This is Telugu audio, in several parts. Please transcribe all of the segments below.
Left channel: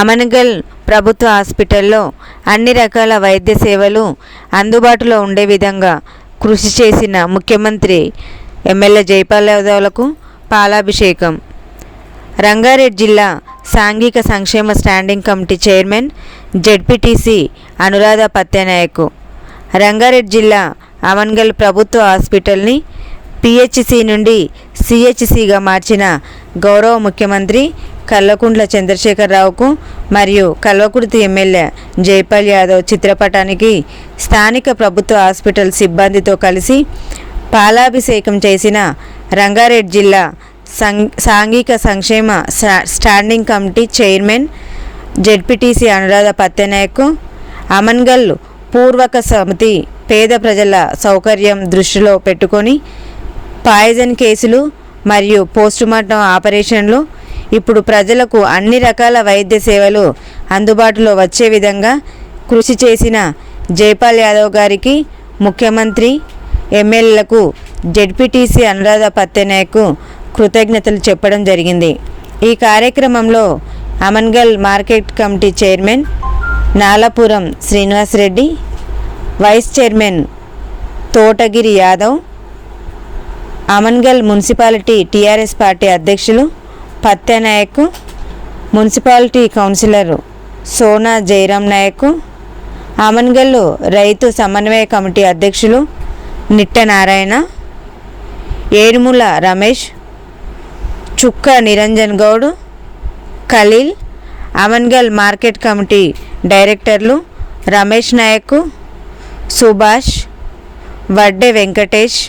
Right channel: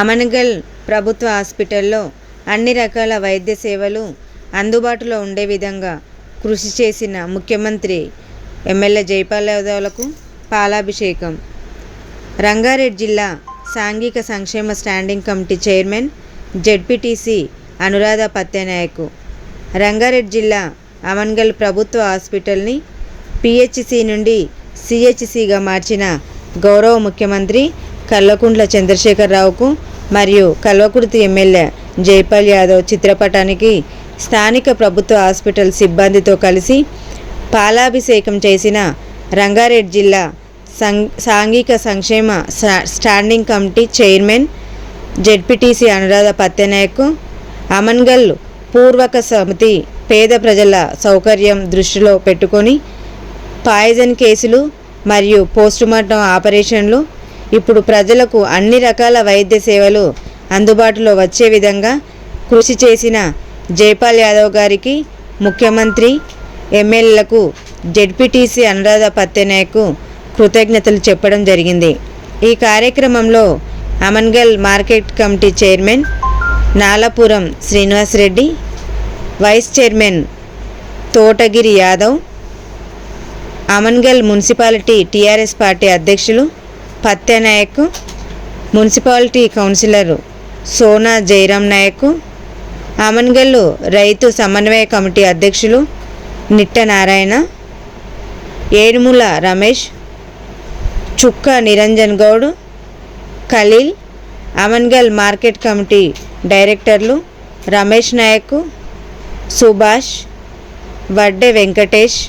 అమన్గల్ ప్రభుత్వ హాస్పిటల్లో అన్ని రకాల వైద్య సేవలు అందుబాటులో ఉండే విధంగా కృషి చేసిన ముఖ్యమంత్రి ఎమ్మెల్యే జైపాల్ యాదవ్లకు పాలాభిషేకం. రంగారెడ్డి జిల్లా సాంఘిక సంక్షేమ standing committee chairman ZPTC Anuradha Pattenayak Rangareddy జిల్లా అమన్గల్ ప్రభుత్వ హాస్పిటల్ని పిహెచ్సి నుండి సిహెచ్సిగా మార్చిన గౌరవ ముఖ్యమంత్రి కల్వకుంట్ల చంద్రశేఖరరావుకు మరియు కల్వకుర్తి ఎమ్మెల్యే జైపాల్ యాదవ్ చిత్రపటానికి స్థానిక ప్రభుత్వ హాస్పిటల్ సిబ్బందితో కలిసి పాలాభిషేకం చేసిన రంగారెడ్డి జిల్లా సాంఘిక సంక్షేమ standing committee chairman ZPTC Anuradha Pattenayak Amangal పూర్వక సమితి పేద ప్రజల సౌకర్యం దృష్టిలో పెట్టుకొని పాయిజన్ కేసులు మరియు పోస్టుమార్టం ఆపరేషన్లు ఇప్పుడు ప్రజలకు అన్ని రకాల వైద్య సేవలు అందుబాటులో వచ్చే విధంగా కృషి చేసిన జైపాల్ యాదవ్ గారికి ముఖ్యమంత్రి ఎమ్మెల్యేలకు జెడ్పీటీసీ అనురాధ పత్తెనాయక్ కృతజ్ఞతలు చెప్పడం జరిగింది. ఈ కార్యక్రమంలో Amangal market committee chairman Nalapuram Srinivasareddy, vice chairman Thotagiri Yadav, Amangal municipality TRS party అధ్యక్షులు పత్తెనాయక్, మున్సిపాలిటీ కౌన్సిలర్ సోనా జయరాం నాయక్, అమన్గల్ రైతు సమన్వయ కమిటీ అధ్యక్షులు నిట్ట నారాయణ, ఏడుముల రమేష్, చుక్క నిరంజన్ గౌడ్, ఖలీల్, అమన్గల్ మార్కెట్ కమిటీ డైరెక్టర్లు Ramesh Nayak, Subhash, Vadde Venkatesh,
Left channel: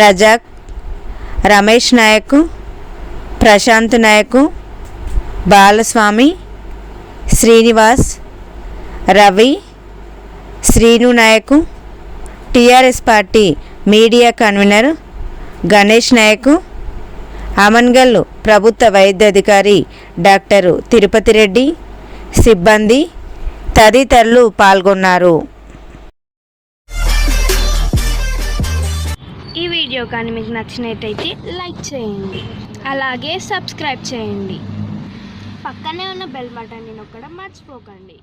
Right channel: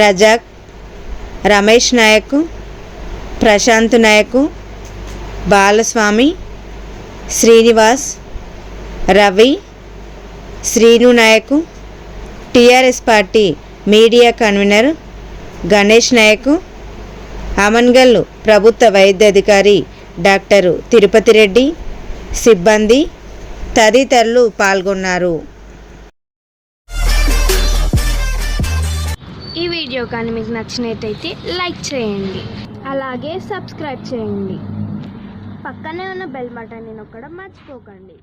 Razak, Ramesh Nayak, Prashanth Nayak, Balaswamy, Srinivas, Ravi, Srinu Nayak, TRS party media convenor Ganesh Nayak, Amangal ప్రభుత్వ వైద్యాధికారి డాక్టర్ తిరుపతి రెడ్డి, సిబ్బంది తదితరులు పాల్గొన్నారు. ఈ వీడియో కానీ మీకు నచ్చినట్టయితే లైక్ చేయండి, అలాగే సబ్స్క్రైబ్ చేయండి. పక్కనే ఉన్న బెల్ బటన్ని నొక్కడం మర్చిపోకండి.